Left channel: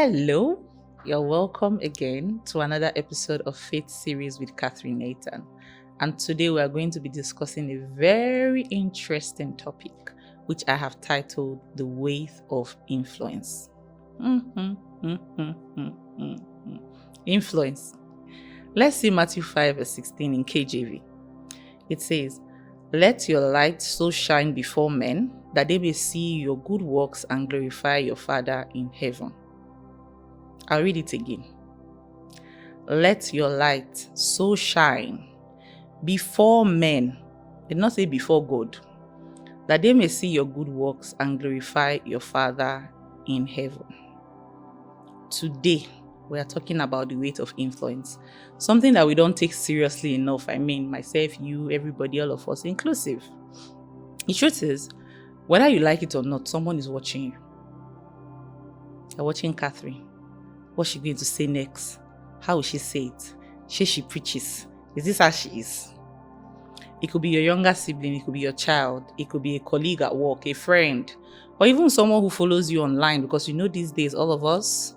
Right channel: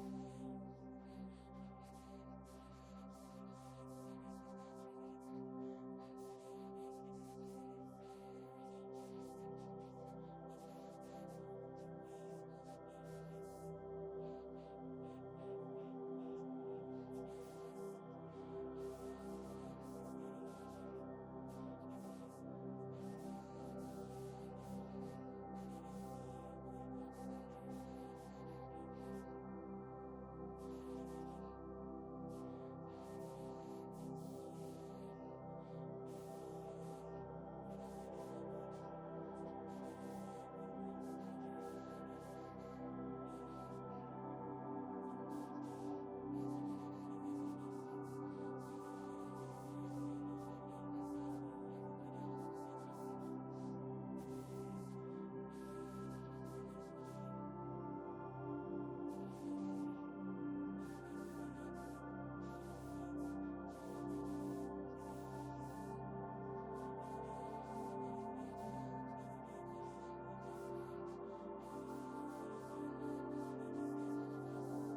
Hello, you're welcome again to another episode of Faith Series with Catherine Nathan. And today we are going to be discussing a very interesting topic, which I have titled The Weight of Influence. Influence. Let's see Matthew 5 verse 16 in KJV. It says, "Let your light so shine before men that they may see your good works and glorify your Father in heaven." I'll read it again. Let your light so shine before men, did not say before God, that they may see your good works and glorify your Father in heaven. Today, we are talking about the weight of influence. Something that we don't take seriously enough. I mean, myself, you, everybody, all of us, inclusive. The truth is, whether you like it or not, someone is watching you. They're watching Catherine. What's she going to say next? How will she say it? She preaches. Is this how she is? It could be your younger sibling, it could be your child, it could be a colleague at work, a friend, or even someone who follows you online, because you know these days, all of us,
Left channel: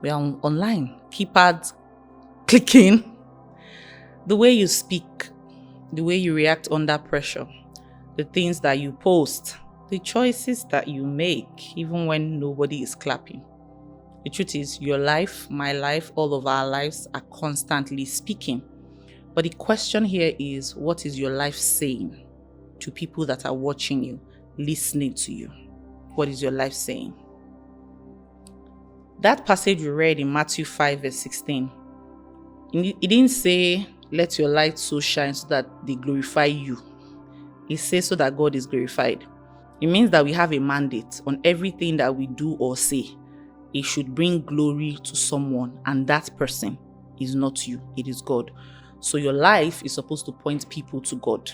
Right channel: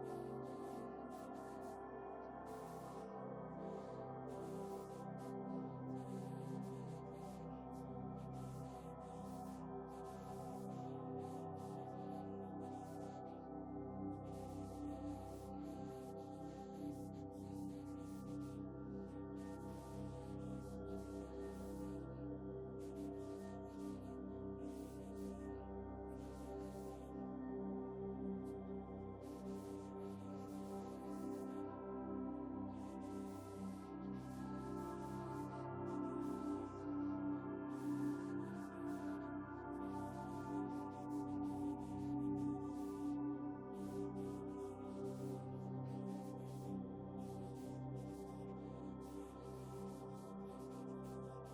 we are online. Keypads clicking. The way you speak, the way you react under pressure, the things that you post, the choices that you make, even when nobody is clapping. The truth is, your life, my life, all of our lives are constantly speaking. But the question here is, what is your life saying to people that are watching you, listening to you? What is your life saying? That passage we read in Matthew 5 verse 16, it didn't say, let your light so shine so that they glorify you. It says so that God is glorified. It means that we have a mandate on everything that we do or say. It should bring glory to someone, and that person is not you, it is God. So your life is supposed to point people to God.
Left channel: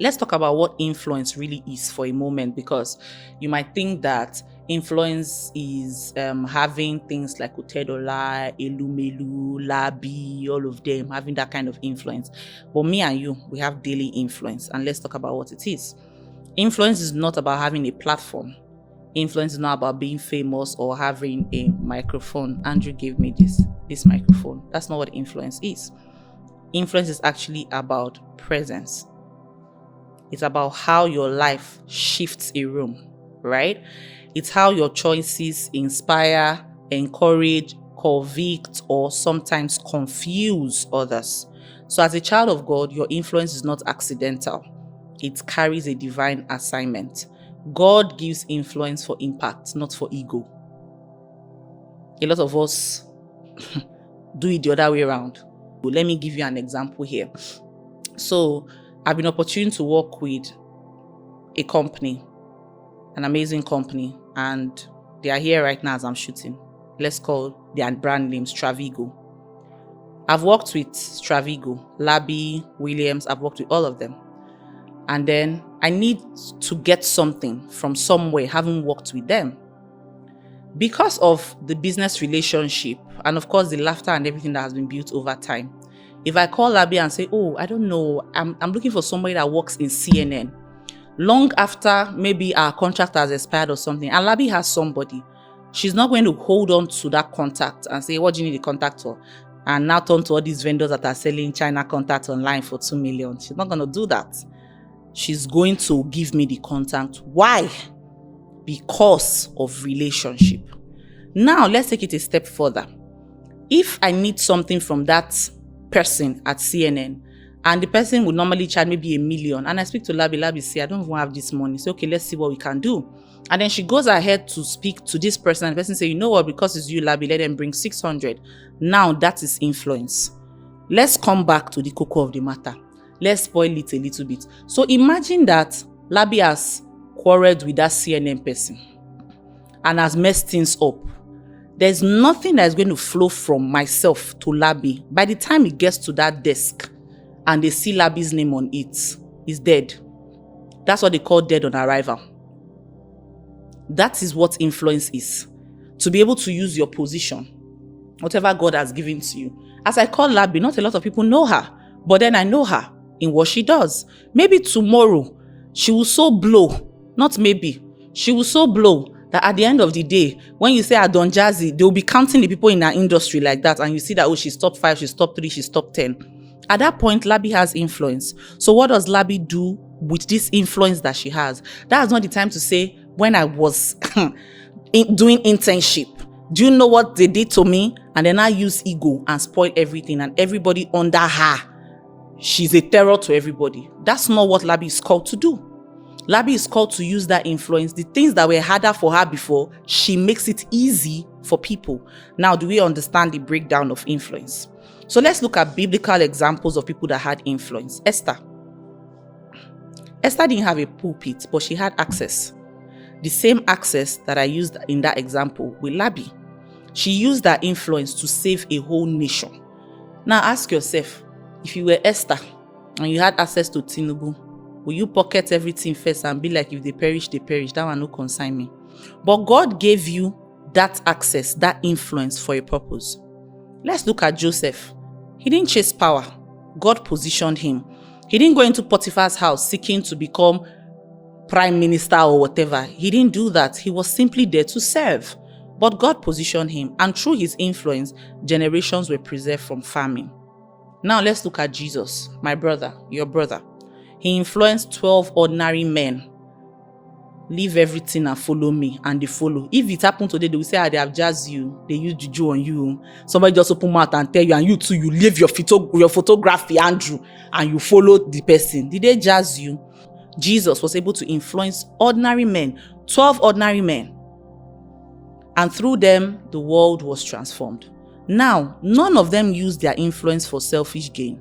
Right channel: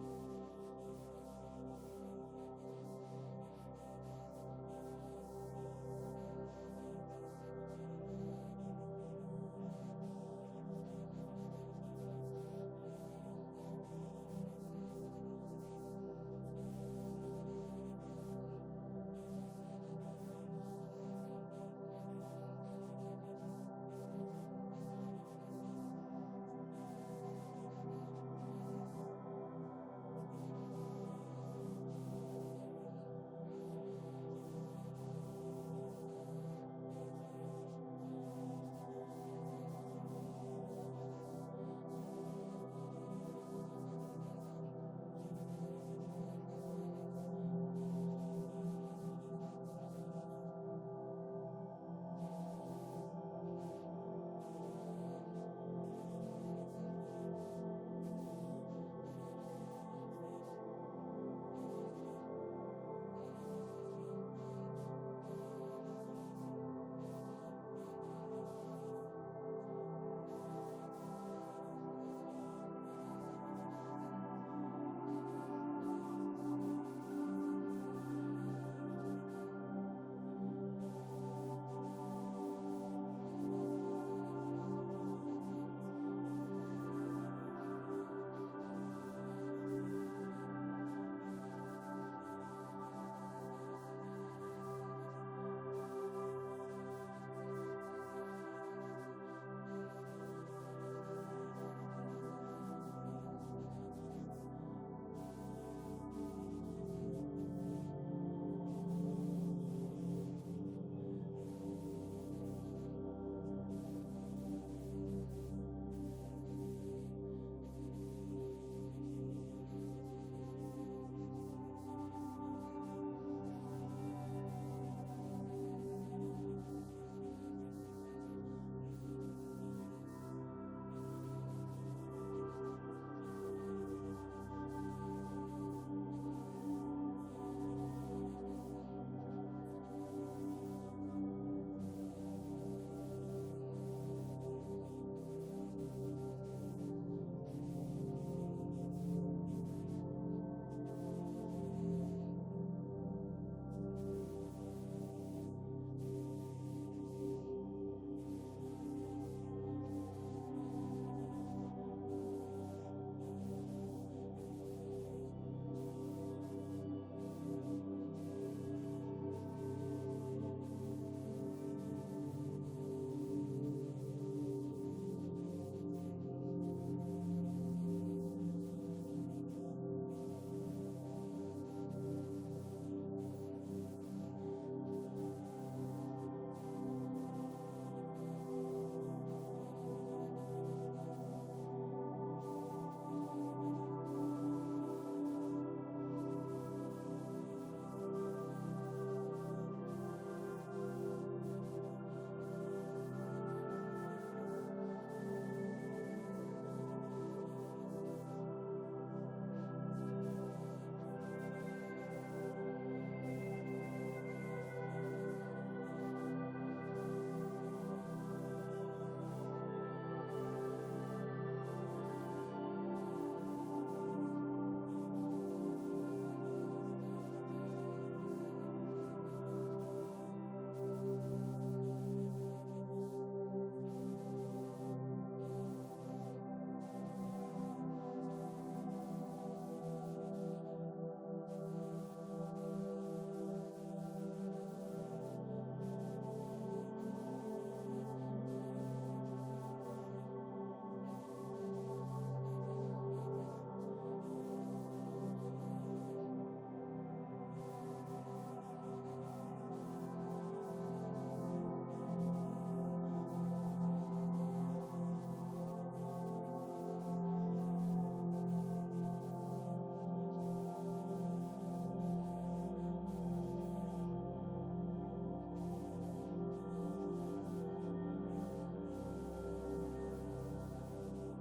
Let's talk about what influence really is for a moment, because you might think that influence is having things like Otedola, Elumelu, Labi, all of them having that kind of influence. But me and you, we have daily influence, and let's talk about what it is. Influence is not about having a platform. Influence is not about being famous or having a microphone. Andrew gave me this microphone. That's not what influence is. Influence is actually about presence. It's about how your life shifts a room, right? It's how your choices inspire, encourage, convict, or sometimes confuse others. So as a child of God, your influence is not accidental. It carries a divine assignment. God gives influence for impact, not for ego. A lot of us do it the other way around. Let me give you an example here. So I've been opportune to work with a company, an amazing company, and they are here right now as I'm shooting. Let's call their brand names Travigo. I've worked with Travigo, Labi, Williams, I've worked with all of them. And then I need to get something from somewhere, having worked with them. Because of the business relationship, and of course the laughter and everything that has been built over time, if I call Labi and say, oh, I don't know, I'm looking for somebody that works in CNN, long after maybe our contract has expired or something, and Labi has somebody, she's not going to hold on to that contact and say, what do you need the contact for? And now turn to all these vendors that are selling China contacts online for 2 million. She's not going to do that. She's going to give me the contact. Why? Because of relationship. Now, let's take it a step further. If I need something from that person at CNN, and the person would normally charge maybe $1 million, and I speak to Labi, say, I don't even have this money. So, okay, let's see what we can do. And then she goes ahead to speak to this person, and the person say, you know what, because it's you, Labi, let them bring 600. Now, that is influence. Let's come back to the cocoa of the matter. Let's spoil it a little bit. So imagine that Labi has quarreled with that CNN person and has messed things up. There's nothing that is going to flow from myself to Labi. By the time it gets to that desk and they see Labi's name on it, it's dead. That's what they call dead on arrival. That is what influence is. To be able to use your position, whatever God has given to you. As I call Labi, not a lot of people know her, but then I know her in what she does. Maybe tomorrow she will so blow, not maybe, she will so blow That at the end of the day, when you say Adon Jazzy, they'll be counting the people in our industry like that, and you see that, oh, she's top 5, she's top 3, she's top 10. At that point, Labi has influence. So what does Labi do with this influence that she has? That's not the time to say, when I was doing internship, do you know what they did to me? And then I use ego and spoil everything, and everybody under her, she's a terror to everybody. That's not what Labi is called to do. Labi is called to use that influence. The things that were harder for her before, she makes it easy for people. Now, do we understand the breakdown of influence? So let's look at biblical examples of people that had influence. Esther. Esther didn't have a pulpit, but she had access. The same access that I used in that example with Labi. She used that influence to save a whole nation. Now ask yourself, if you were Esther and you had access to Tinubu, will you pocket everything first and be like, if they perish, they perish? That one no concern me. But God gave you that access, that influence for a purpose. Let's look at Joseph. He didn't chase power. God positioned him. He didn't go into Potiphar's house seeking to become prime minister or whatever. He didn't do that. He was simply there to serve. But God positioned him, and through his influence, generations were preserved from famine. Now let's look at Jesus, my brother, your brother. He influenced 12 ordinary men. Leave everything and follow me, and they follow. If it happened today, they will say, they have jazzed you. They use juju on you. Somebody just open mouth and tell you, and you too, you leave your photography, Andrew, and you follow the person. Did they jazz you? Jesus was able to influence ordinary men, 12 ordinary men. And through them, the world was transformed. Now, none of them used their influence for selfish gain.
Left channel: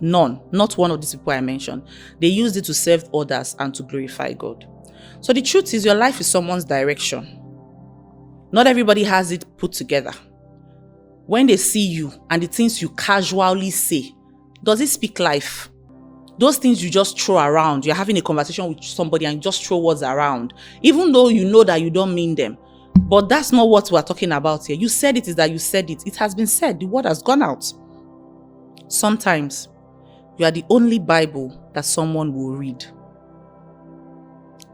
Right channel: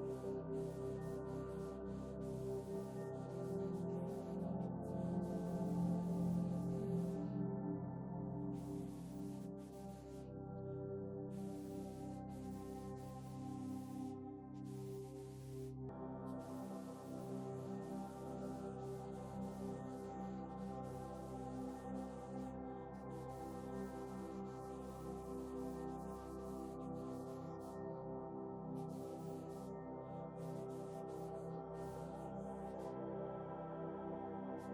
None. Not one of these people I mentioned. They used it to serve others and to glorify God. So the truth is, your life is someone's direction. Not everybody has it put together. When they see you and the things you casually say, does it speak life? Those things you just throw around. You're having a conversation with somebody and you just throw words around, even though you know that you don't mean them. But that's not what we're talking about here. You said it is that you said it. It has been said. The word has gone out. Sometimes you are the only Bible that someone will read.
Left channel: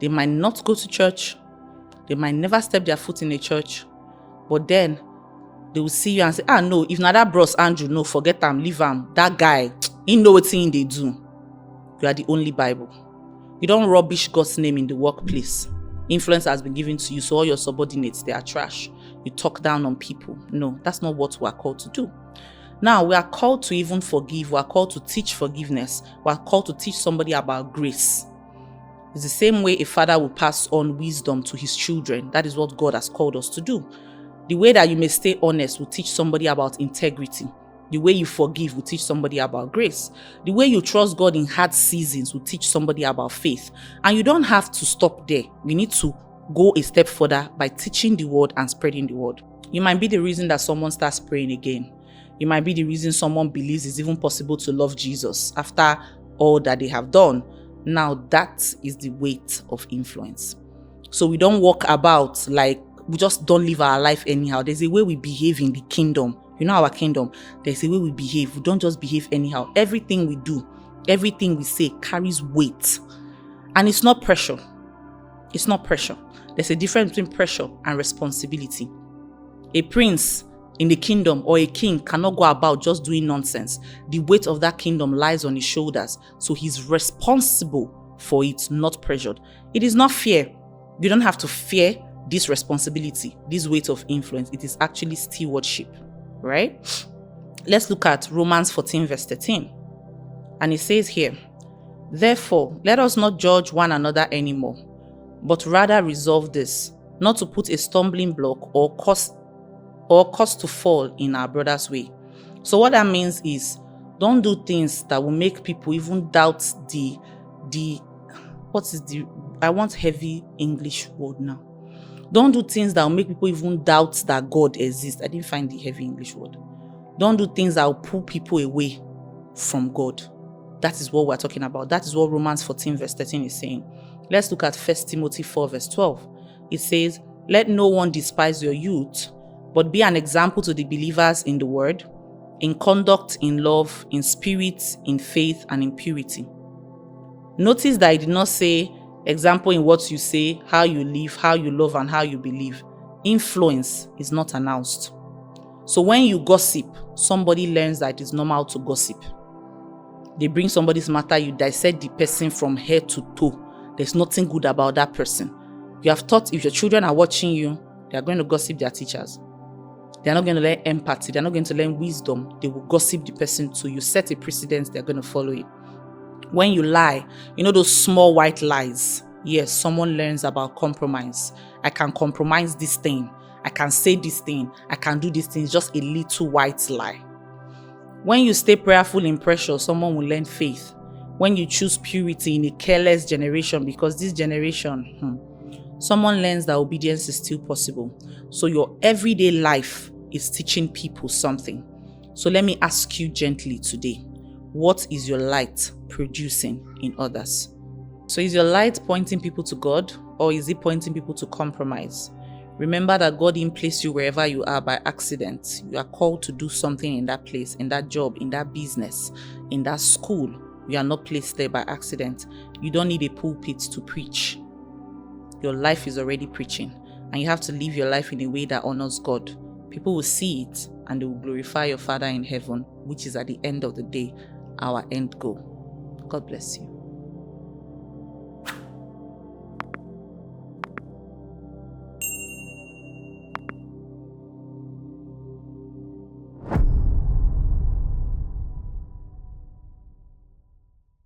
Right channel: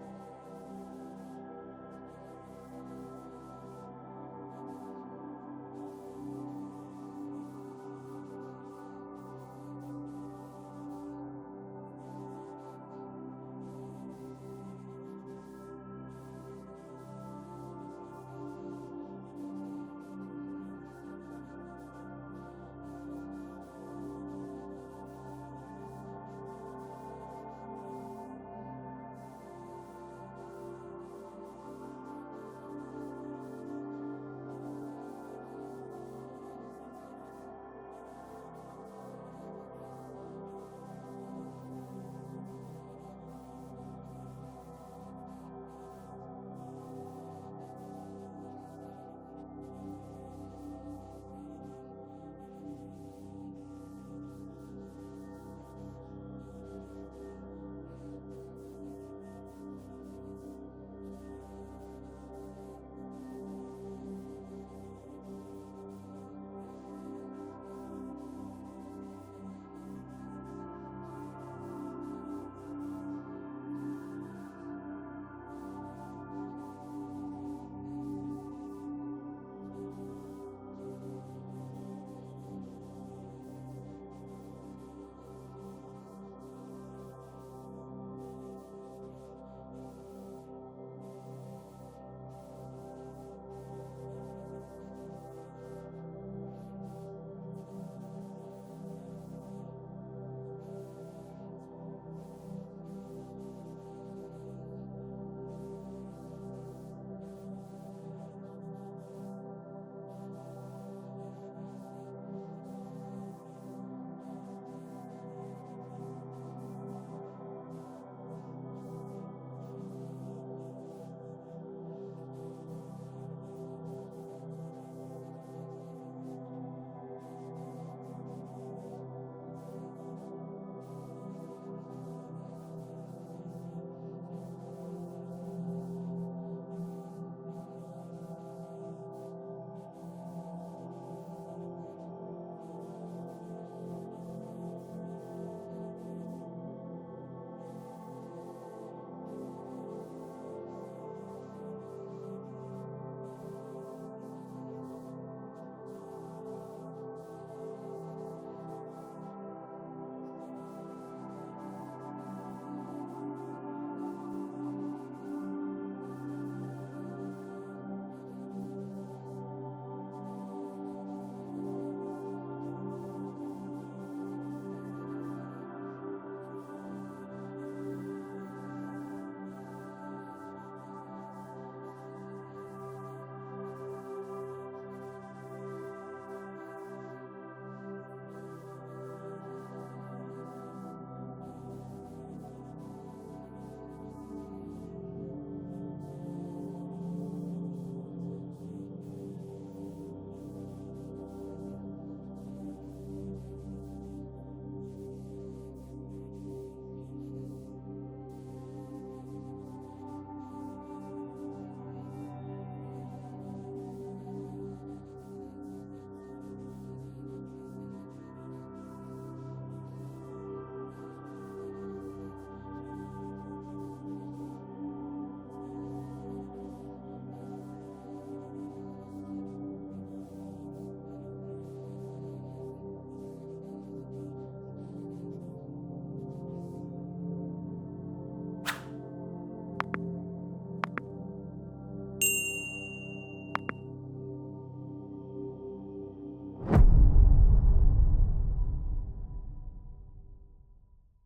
They might not go to church. They might never step their foot in a church. But then they will see you and say, no, if not that bros Andrew, no, forget him, leave him. That guy, he know what thing they do. You are the only Bible. You don't rubbish God's name in the workplace. Influence has been given to you, so all your subordinates, they are trash. You talk down on people. No, that's not what we are called to do. Now, we are called to even forgive. We are called to teach forgiveness. We are called to teach somebody about grace. It's the same way a father will pass on wisdom to his children. That is what God has called us to do. The way that you may stay honest will teach somebody about integrity. The way you forgive will teach somebody about grace. The way you trust God in hard seasons will teach somebody about faith. And you don't have to stop there. You need to go a step further by teaching the word and spreading the word. You might be the reason that someone starts praying again. You might be the reason someone believes it's even possible to love Jesus after all that they have done. Now that is the weight of influence. So we don't walk about like we just don't live our life anyhow. There's a way we behave in the kingdom. You know our kingdom. There's a way we behave. We don't just behave anyhow. Everything we do, everything we say carries weight. And it's not pressure. It's not pressure. There's a difference between pressure and responsibility. A prince in the kingdom or a king cannot go about just doing nonsense. The weight of that kingdom lies on his shoulders. So he's responsible for it, not pressured. It is not fear. You don't have to fear this responsibility, this weight of influence. It is actually stewardship, right? Let's look at Romans 14 verse 13. And it says here, therefore, let us not judge one another anymore, but rather resolve this, not to put a stumbling block or cause to fall in our brother's way. So what that means is, don't do things that will make people even doubt I want heavy English word now. Don't do things that will make people even doubt that God exists. I didn't find the heavy English word. Don't do things that will pull people away from God. That is what we're talking about. That is what Romans 14 verse 13 is saying. Let's look at 1 Timothy 4 verse 12. It says, let no one despise your youth, but be an example to the believers in the word, in conduct, in love, in spirit, in faith, and in purity. Notice that I did not say, Example in what you say, how you live, how you love, and how you believe. Influence is not announced. So when you gossip, somebody learns that it is normal to gossip. They bring somebody's matter, you dissect the person from head to toe. There's nothing good about that person. You have thought if your children are watching you, they are going to gossip their teachers. They are not going to learn empathy. They are not going to learn wisdom. They will gossip the person too. You set a precedent, they're going to follow it. When you lie, those small white lies. Yes, someone learns about compromise. I can compromise this thing. I can say this thing. I can do this thing. It's just a little white lie. When you stay prayerful in pressure, someone will learn faith. When you choose purity in a careless generation, because this generation, someone learns that obedience is still possible. So your everyday life is teaching people something. So let me ask you gently today, what is your light producing in others? So is your light pointing people to God, or is it pointing people to compromise? Remember that God didn't place you wherever you are by accident. You are called to do something in that place, in that job, in that business, in that school. You are not placed there by accident. You don't need a pulpit to preach. Your life is already preaching, and you have to live your life in a way that honors God. People will see it, and they will glorify your Father in heaven, which is at the end of the day our end goal. God bless you.